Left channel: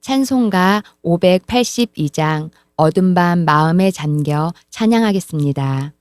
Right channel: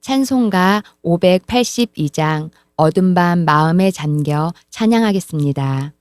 찬송가 582장 어둠 밤 마음에 잠겨 찬양하겠습니다.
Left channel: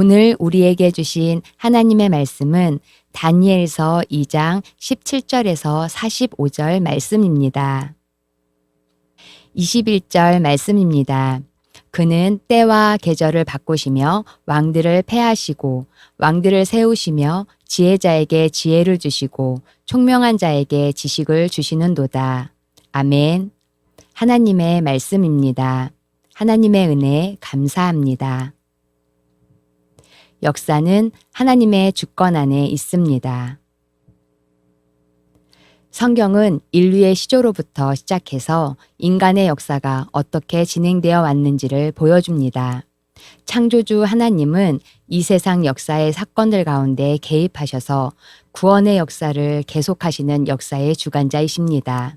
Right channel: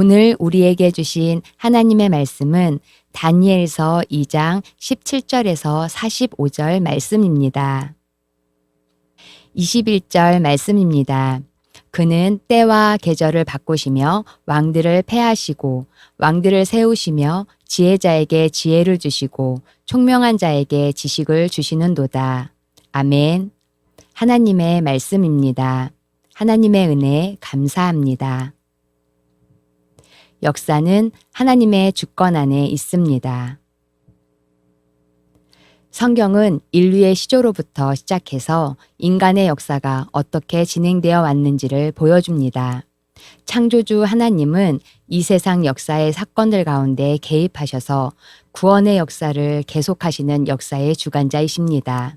오늘 우리에게 주신 하나님의 말씀은 다니엘서 2장 17절에서 45절 말씀입니다. 21절 말씀입니다. 그는 때와 계절을 바꾸시며 왕들을 패하시고 왕들을 세우시며 지혜자에게 지혜를 주시고 총명한 자에게 지식을 주시는도다. 아멘. 하나님의 말씀입니다. 하나님의 은혜 감사합니다. 역사는 하나님의 주권 안에 있습니다. 성경은 인류의 시조로부터 시작해서 인간의 역사가 어떻게 진행되어 왔는지를 보여줍니다. 창조주 하나님은 이 세상 역사의 사건들 가운데 개입하셔서 구원의 역사를 계속하시는 역사의 주관자이십니다.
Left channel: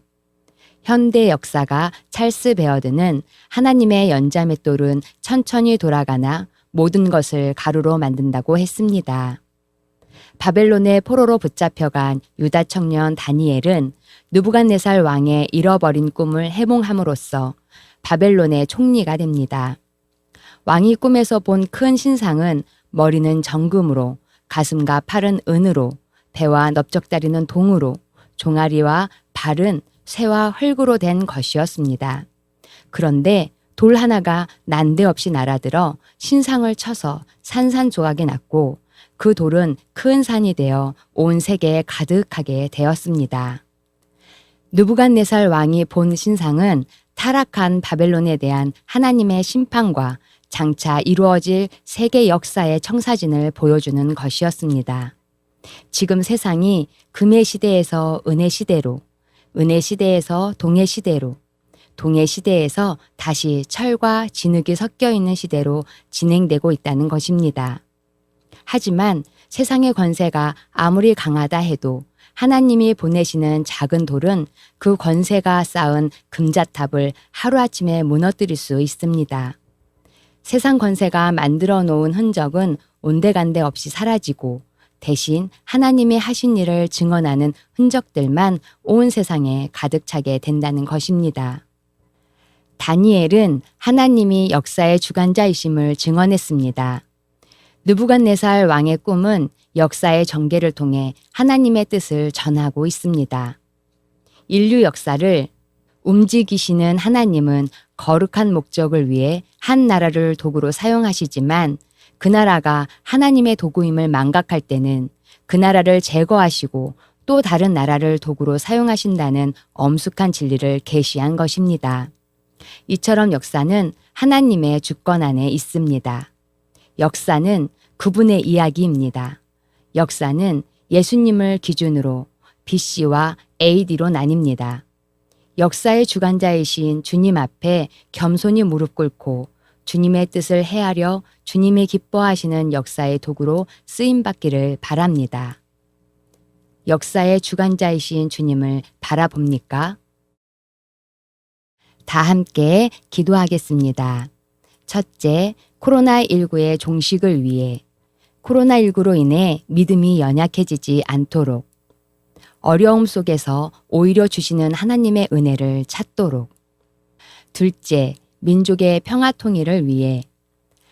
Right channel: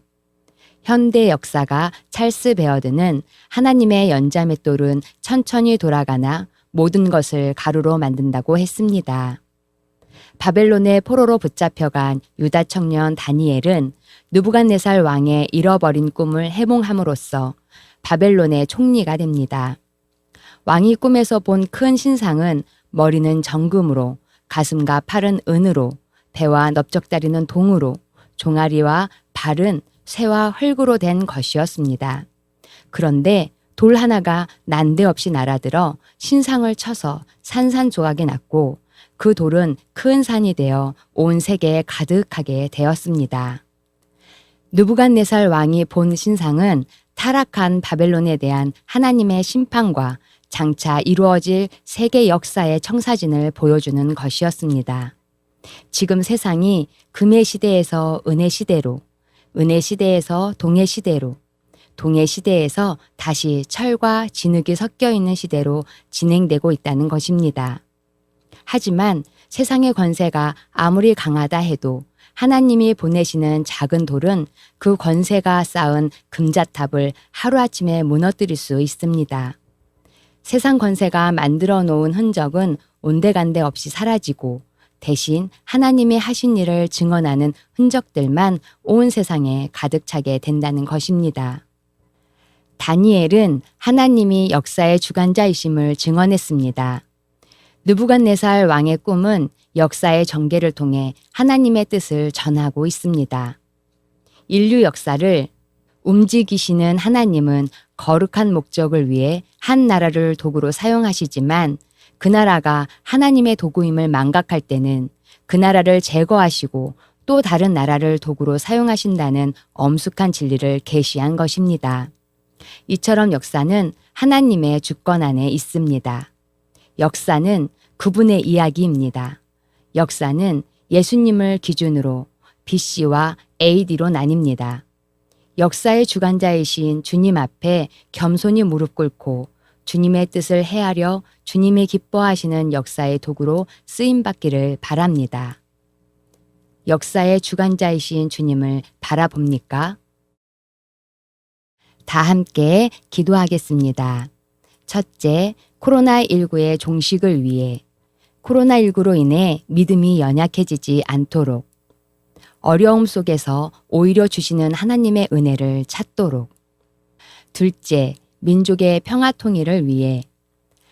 현대 역사가 찰스 베어드는 하나님의 연자맷돌은 천천히 돌아가나 모든 것을 가루로 만든다고 했습니다. 바벨론의 포로로 붙잡혀간 유다 청년 다니엘은 느부갓네살 왕의 잃어버린 꿈을 해몽함으로써 바벨론의 총리가 됩니다. 왕이 꿈에서 본 큰 신상은 머리는 정금으로, 가슴과 팔은 은으로, 배와 넓적다리는 동으로, 종아리와 발은 쇠와 흙으로 된 것이었습니다. 그런데 돌 하나가 난데없이 날아들어 신상을 쳐서 산산조각이 났고 그 돌은 큰 산이 되어 온 세계에 가득하게 되었습니다. 느부갓네살 왕이 본 신상은 타락한 바벨론에 대한 하나님의 심판과 장차 이루어질 세계 역사의 청사진을 보여주는 것이었습니다. 지금 세상이 금의 시대에서 은의 시대로, 은의 시대에서 동의 시대로, 동해 시대에서 다시 철과 진흙이 섞여 있는 시대로 진행되고 있다는 것입니다. 하지만 세상의 권세가 아무리 강하다 해도 하나님이 보내시는 작은 돌은 그 권세가 쌓은 금자탑을 하루아침에 무너뜨릴 수 있습니다. 세상 권세가 만들어 놓은 흔적은 온데간데 없이 사라지고 대신 하나님이 하신 일을 증언하는 흔적들만 온 세상에 가득 차게 된다는 것입니다. 다니엘은 하나님이 역사의 주관자이심을 증언했습니다. 느부갓네살 왕의 꿈은 역사의 전개를 통해 하나님의 뜻을 전하고 있습니다. 인류 역사를 움직이시는 하나님은 거룩한 목적을 위해 한 나라를 도구로 사용하시지만 그 나라가 하나님의 도구임을 망각할 때는 그 나라를 제거하시고 또 다른 나라를 도구로 사용하신다는 엄숙한 진리를 계시한 것입니다. 이처럼 역사는 하나님의 주권 안에 있습니다. 역사는 그분의 이야기입니다. 역사는 예수님을 기준으로 BC와 AD로 나뉩니다. 역사의 주관자이신 주님 앞에 겸손히 무릎 꿇고 주님의 뜻을 헤아려 주님이 기뻐하시는 역사의 도구로 쓰임받기를 바랍니다. 역사의 주관자이신 주님을 바라봅니까? 다 함께 기도하겠습니다. 첫째, 코로나19의 종식을 위해 코로나19로 인해 믿음이 연약해지지 않도록 어려움 속에서 오히려 주시는 하나님의 은혜를 찾도록 둘째, 민족의 평화 통일을 위해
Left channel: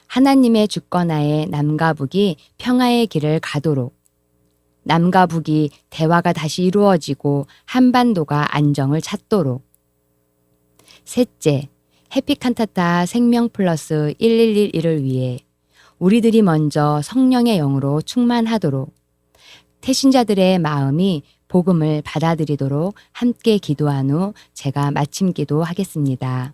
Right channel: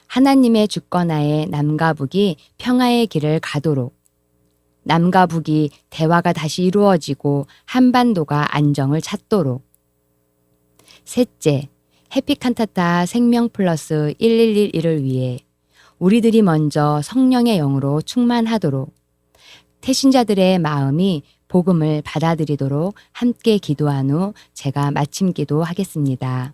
하나님의 주권하에 남과 북이 평화의 길을 가도록 남과 북이 대화가 다시 이루어지고 한반도가 안정을 찾도록 셋째, 해피칸타타 생명 플러스 1111을 위해 우리들이 먼저 성령의 영으로 충만하도록 태신자들의 마음이 복음을 받아들이도록 함께 기도한 후 제가 마침 기도하겠습니다.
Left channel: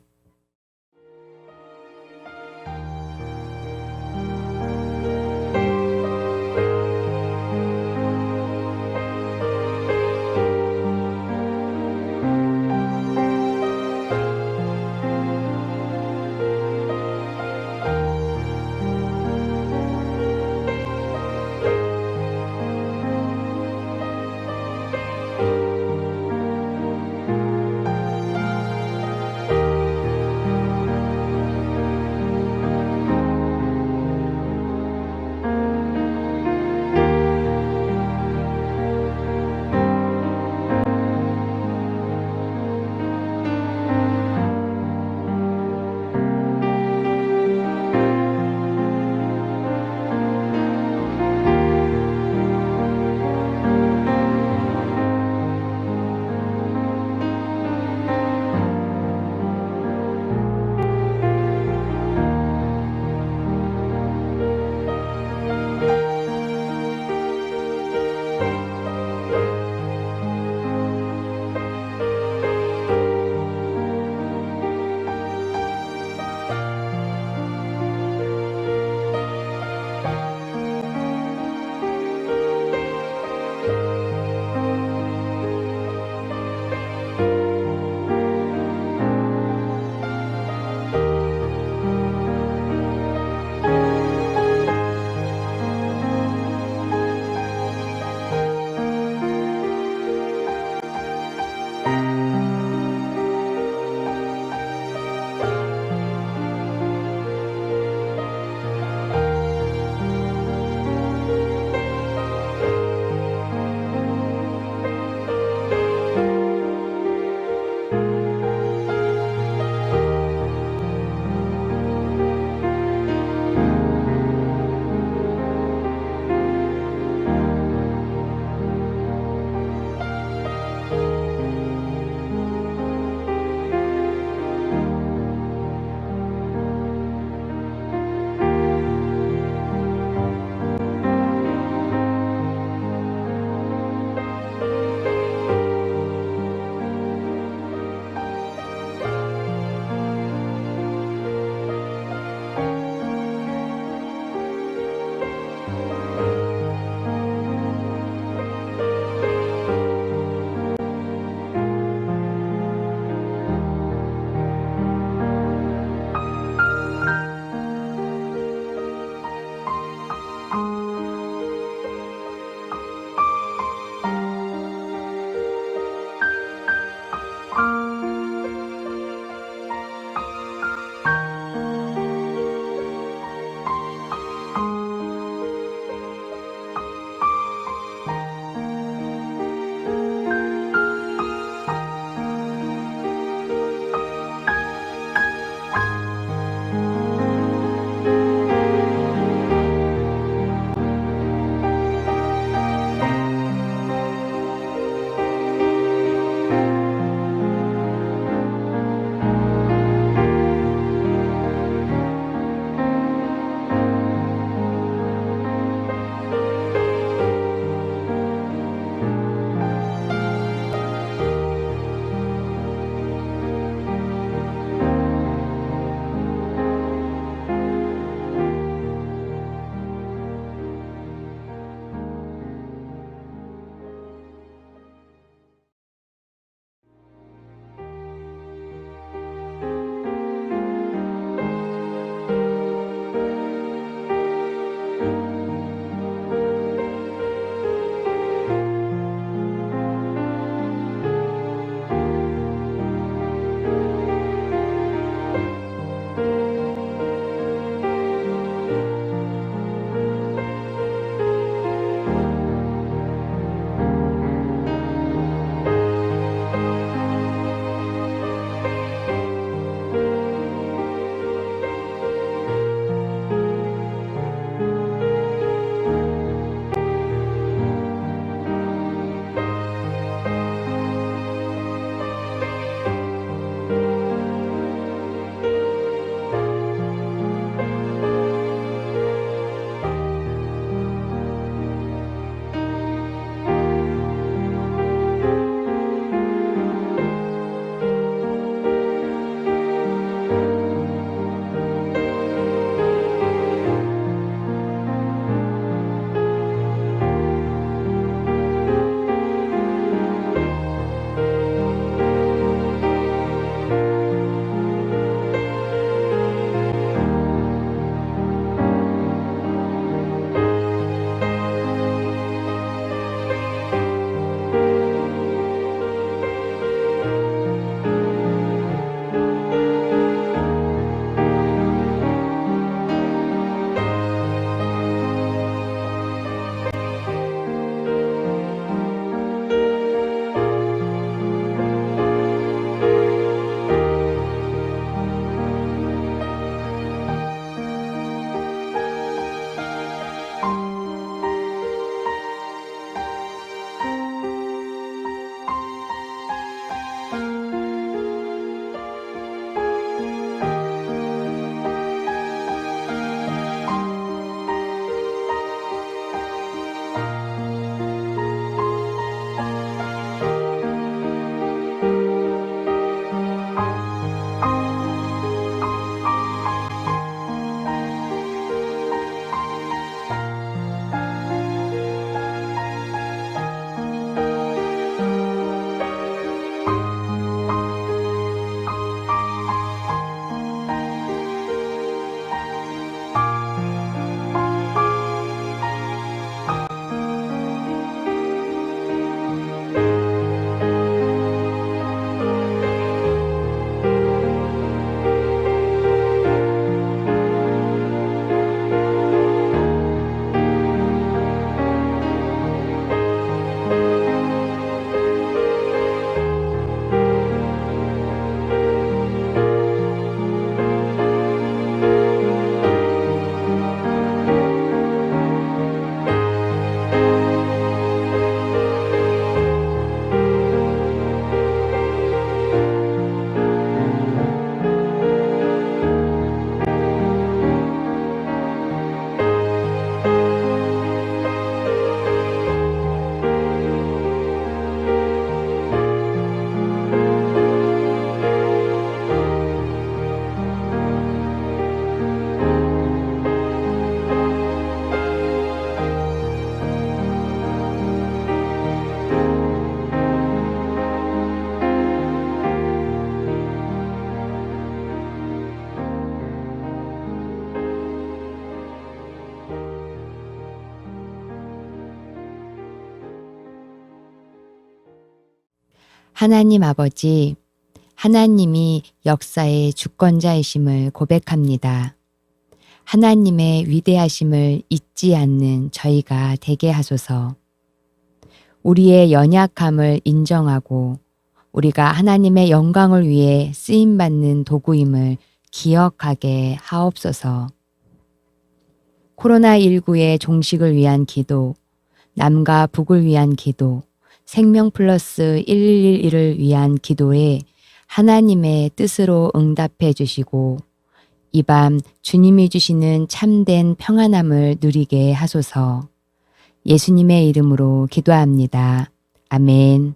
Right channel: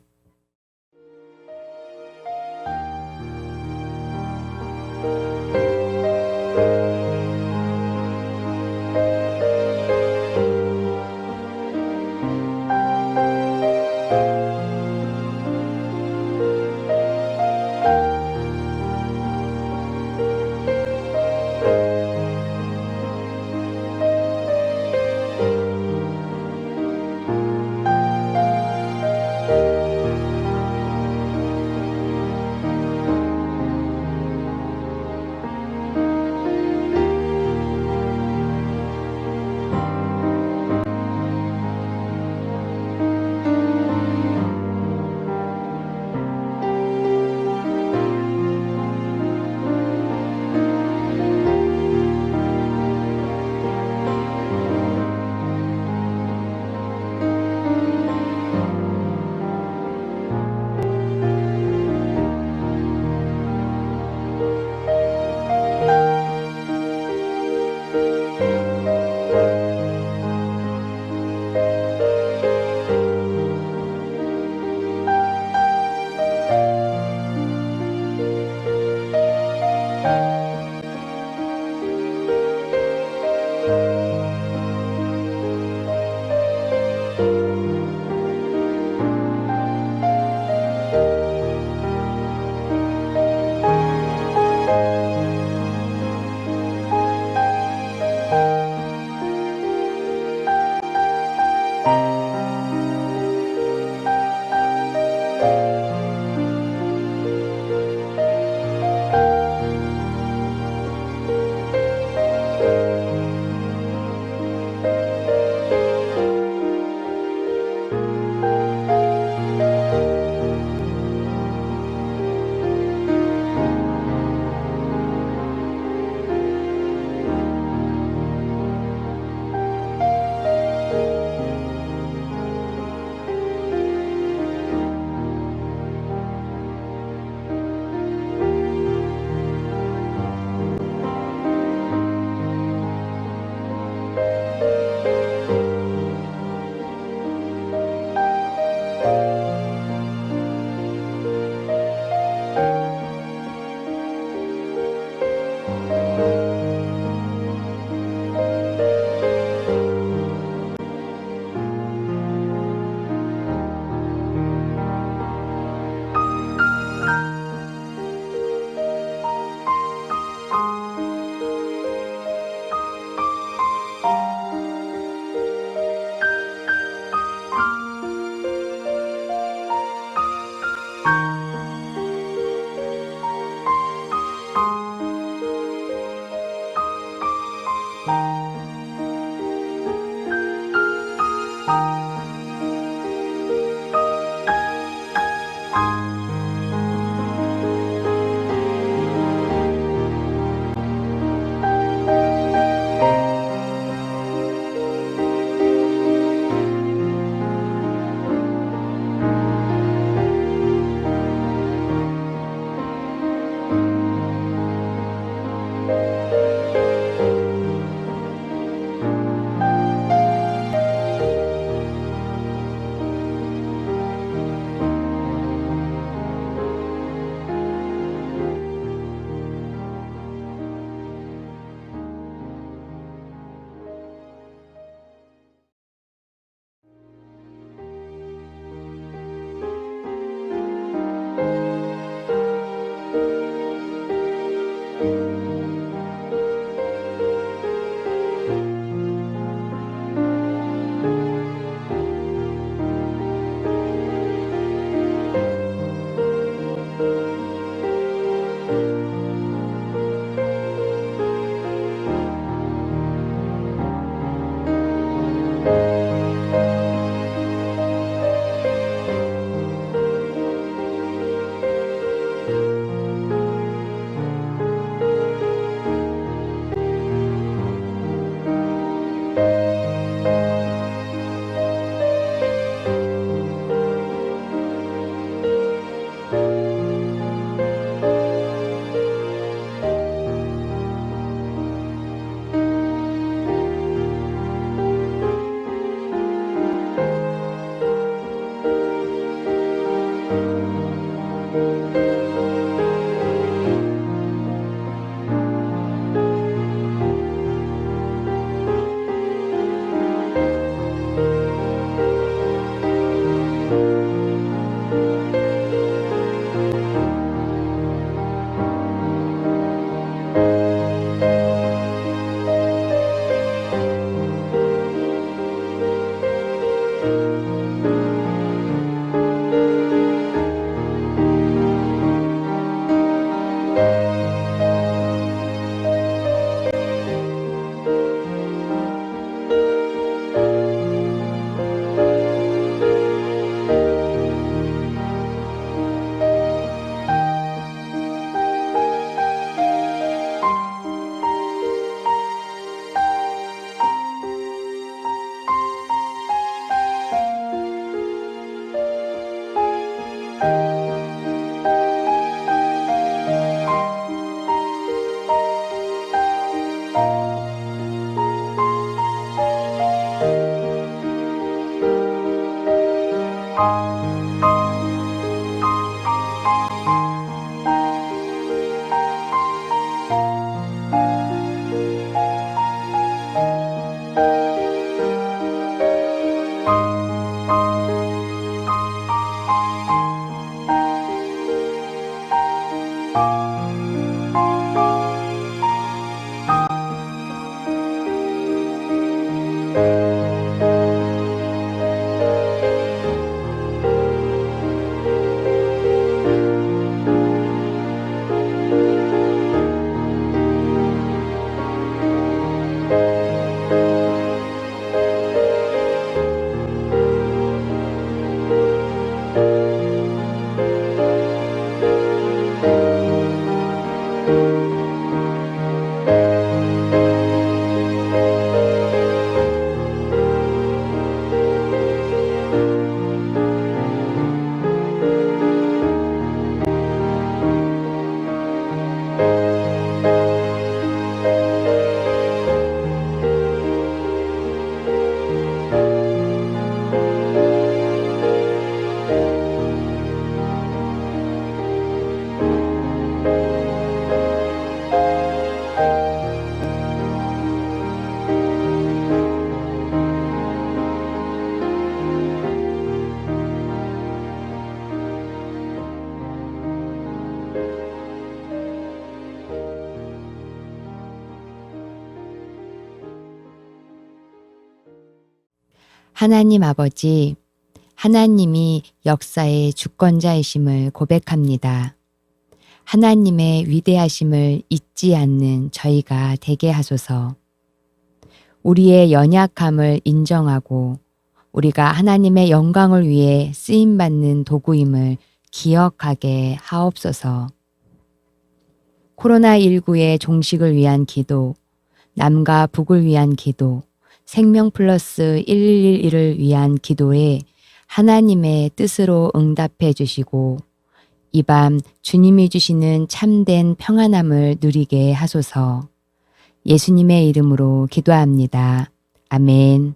하나님 아버지, 하나님이 역사의 주권자이심을 고백합니다. 하나님의 위대하심을 잊지 않는 저희가 되게 하소서. 우리의 연약함을 인정하고 우리가 하나님의 영광을 위해 쓰임받는 도구임을 기억하게 하옵소서. 코로나19의 종식을 위한 기도, 남과 북을 위한 기도, 생명 플러스 1111을 위한 기도에 하나님의 뜻으로 응답해 주시고 이 밤 주님이 주시는 참된 평안함을 누리게 하소서. 예수님의 이름으로 기도합니다. 아멘.